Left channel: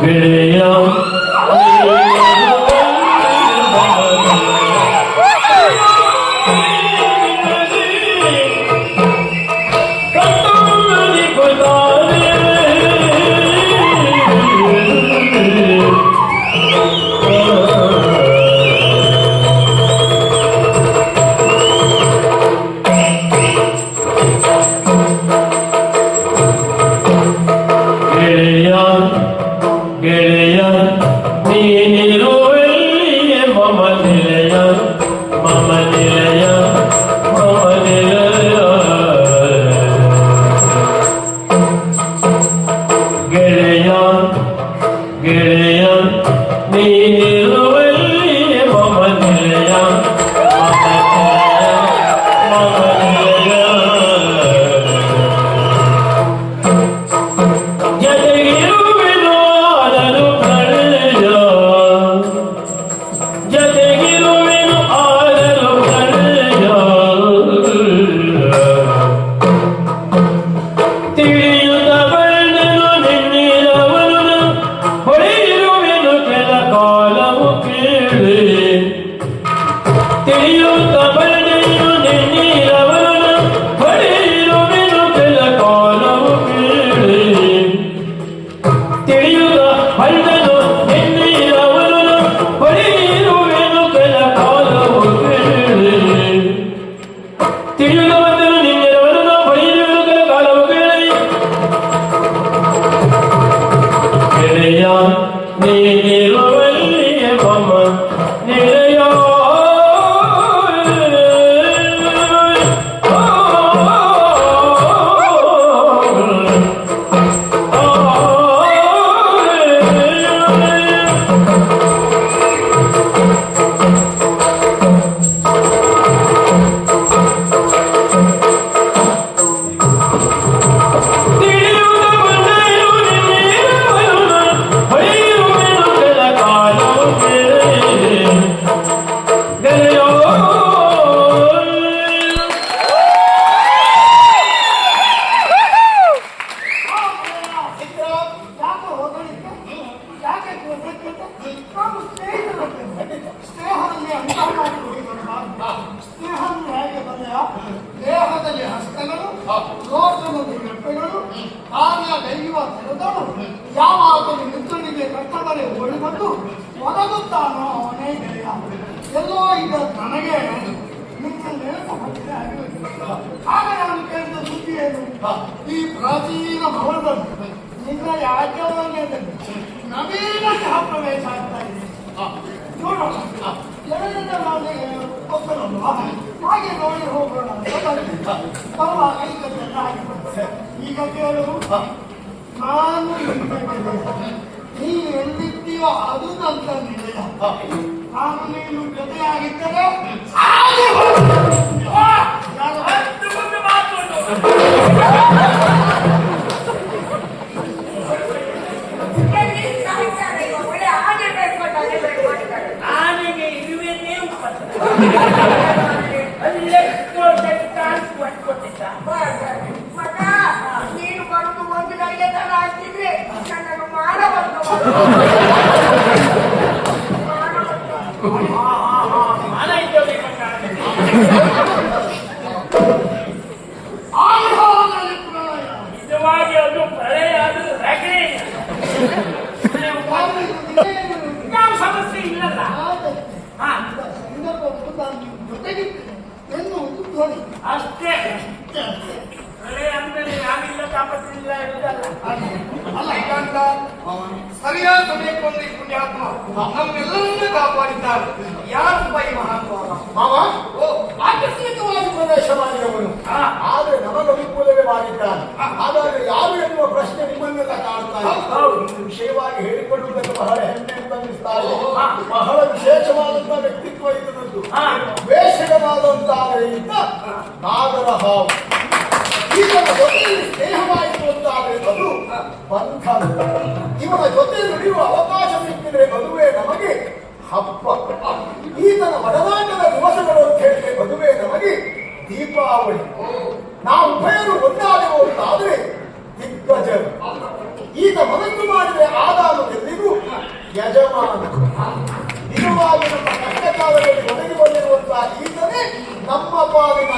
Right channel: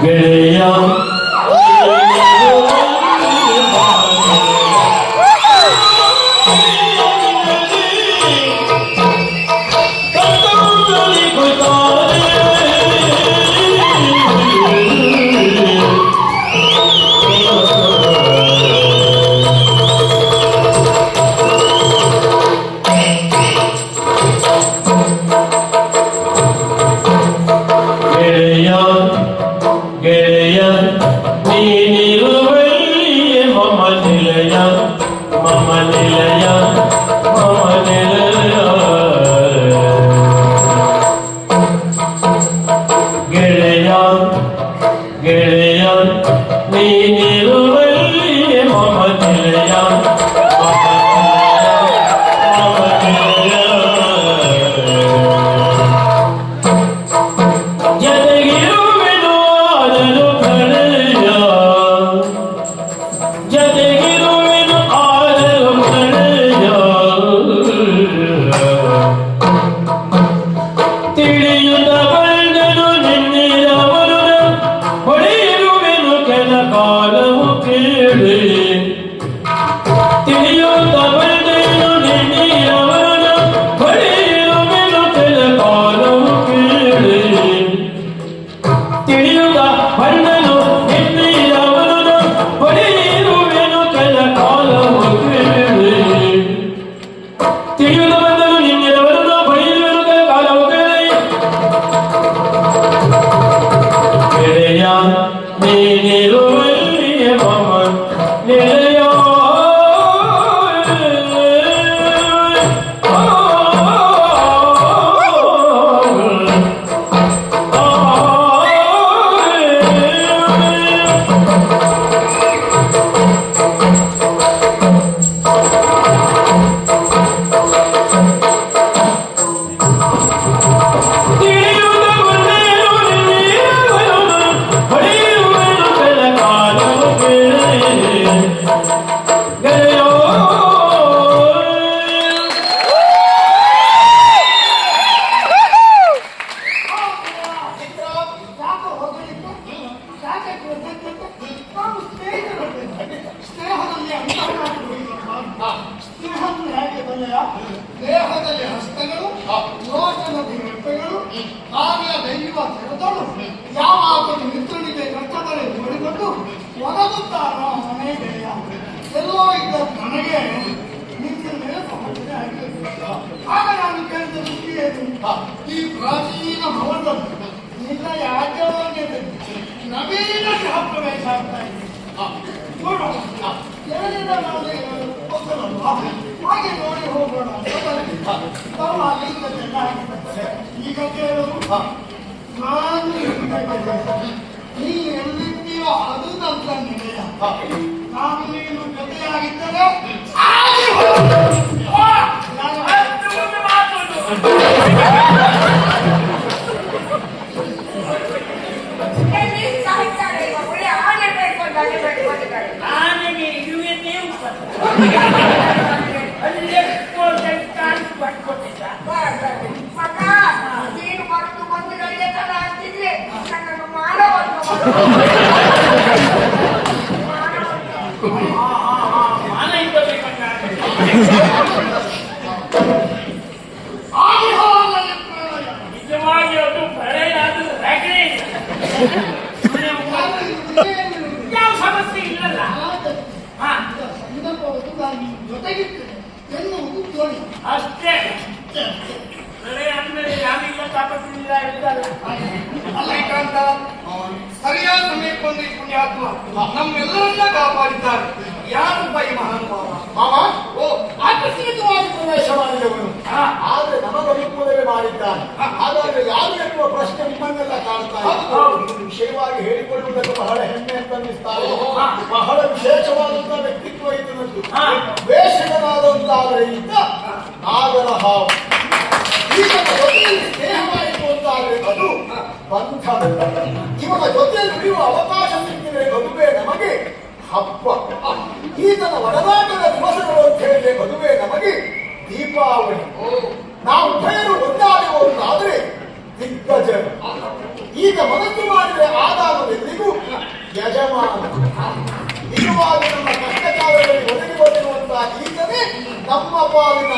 ಗೆಳೆಯ ಗೆಳೆಯ ನೀನಿರುವೆಲ್ಲಿಯೇ ಮಮ ನಿಲಯ ಮಮ ನಿಲಯ ಮಮ ನಿಲಯ ಗೆಳೆಯ ಗೆಳೆಯ ನೀನಿರುವೆಲ್ಲಿಯೇ ಮಮ ನಿಲಯ ಮಮ ನಿಲಯ ನೀನಿರುವೆಲ್ಲಿಯೇ ಮಮ ನಿಲಯ ದೇಹದಲ್ಲಿ ಹಸ್ತಗಳು ಲೋಕದಲ್ಲಿ ರೆಪ್ಪೆಗಳು ಕಾರ್ಯ ದೈವ ತೆರೆದಳು ಯಾವಾಗಲೂ ಮಿತ್ರನಿಗೆ ಕಷ್ಟದಲ್ಲಿ ಓಡಿಕೊಂಡು ಒದಗುತ್ತಾನೋ ಅವನೇ ಗೆಳೆಯ ಎಲ್ಲೋ ಇದ್ದ ನನಗೆ ನಿನ್ನ ನೆನಪು ಹೊತ್ತಿಗೆ ಆಗಿರಲಿಲ್ಲ ಆಗ ನಾನು ಕೇಳಿದ ಸುದ್ದಿ ಏನು ಈ ಪ್ರಾಚೀನ ಭವನದಲ್ಲಿ ನಿನ್ನ ಯಾಜ್ಯವಾಗಿ ನವೀನ ಗೃಹ ಪ್ರವೇಶ ಆಗ್ತಾ ಇದೆ ನೋಡೋಣ ಎರಡನೇ ಮಾಡಿ ಗೊತ್ತಲ್ವಾ ಹಾಗೆ ನೋಡಿ ಹೋಗೋಣ ಬರುವಾಗ ಈಗ ಚೆನ್ನಾಗಿದೆ ಈಗ ಕೇಳು ನಾನು ನೀ ಎಲ್ಲಿದ್ದೀಯೋ ಅದು ನನ್ನ ನಿಲಯ ನಾನು ನೀನು ಜೊತೆಯಾಗಿದ್ದರೆ ನೀನು ಬರುದು ಒಂದು ಗಂಟೆ ತಡ ಆಗ್ತಿದ್ರೆ ನನ್ನನ್ನು ಮಾಡಬಹುದು ನಿಜವಾಗಿ ಅದು ಪ್ರಳಯ ಆದರೂ ರಗಳೆ ಯಾವ ಸಮಸ್ಯೆ ಇಲ್ಲಲ್ಲ ಜೊತೆಗಿರ್ತೇನೆ ಎನ್ನುವುದು ತೋಳಿ ಅಷ್ಟೇ ಪ್ರಳಯ ಅಂದ್ಮೇಲೆ ಯಾರಿಲ್ಲ ತಾಪತ್ರಿಲ್ಲ ಇರುವುದಲ್ಲ ಅಲ್ಲೈಕಾಂತ ಸರಿಯಾದ ಸಮಯಕ್ಕೊಂದು ಈ ಪುಣ್ಯಾತ್ಮ ನಮ್ಮೆಲ್ಲರನ್ನ ಕಾಪಾಡಿದ್ದಾರೆ ಯಾರು ಬೈ ಮಹಾನುಭಾವ ಮಾವ ಓ ಆಕಸ್ಮಿಕವಾಗಿ ಪ್ರವೇಶ ಮಾಡಿದವನು ಆದ್ರೆ ನಮಗನುಕೂಲವೇ ಮಾಡಿದ್ದಾನೆ ಹಾಗಾದ್ರೆ ಯಾರು ಎನ್ನುವ ಪ್ರಶ್ನೆ ನಿಮ್ಮನ್ನೆಲ್ಲ ಕಾಡುತ್ತಾರೆ ವಿಷಯವಾಗಿ ಹೇಳಿಕೊಳ್ಳುವುದನ್ನು ಬಹಳ ಹೆಮ್ಮೆ ಅಂತ ಅನ್ನಿಸ್ತಾರೆ ಬಹಳ ವಿಶೇಷವಾದಂತಹ ವ್ಯಕ್ತಿತ್ವ ಇದನ್ನದ್ದು ವೇಷಕನಾದಂತಾದರೆ ಇದ್ದ ನಾಗರ ಹಾವು ಈಗ ಸ್ನೇಹವಾಯಿತು ಅಂತಾದ್ರೆ ಅದು ಬಂಧ ಇವನ ಜೊತೆ ನುಡಿಯುವ ಅವಕಾಶ ಸಿಕ್ಕಿದ್ರೆ ಮದುವೆ ನಮಗೆ ಹಬ್ಬ ಈತನ ಒಡನಾಟದ ದಿವಸಗಳು ಅಂತ ಹೇಳಿದ್ರೆ ಮದುವೆ ನಮಗೆ ದೀಪಾವಳಿ ನಾವು ಉಭಯರು ಒಂದಾದೆವು ಅಂತಾದ್ರೆ ದಿಗ್ಗಜ ಈತ ಮನಸ್ಸು ಮಾಡಿದರೆ ಆದಾಮವೆಂದಿಗೂ ಯಜಮಾನ. ನಿಜವಾಗಿ ನಮ್ಮ ಕಷ್ಟಕಾಲದಲ್ಲಿ ಒದಗಿ ಬಂದಿರುವಂತಹ ಈತನೇ ನಮ್ಮ ಪಾಲಿನ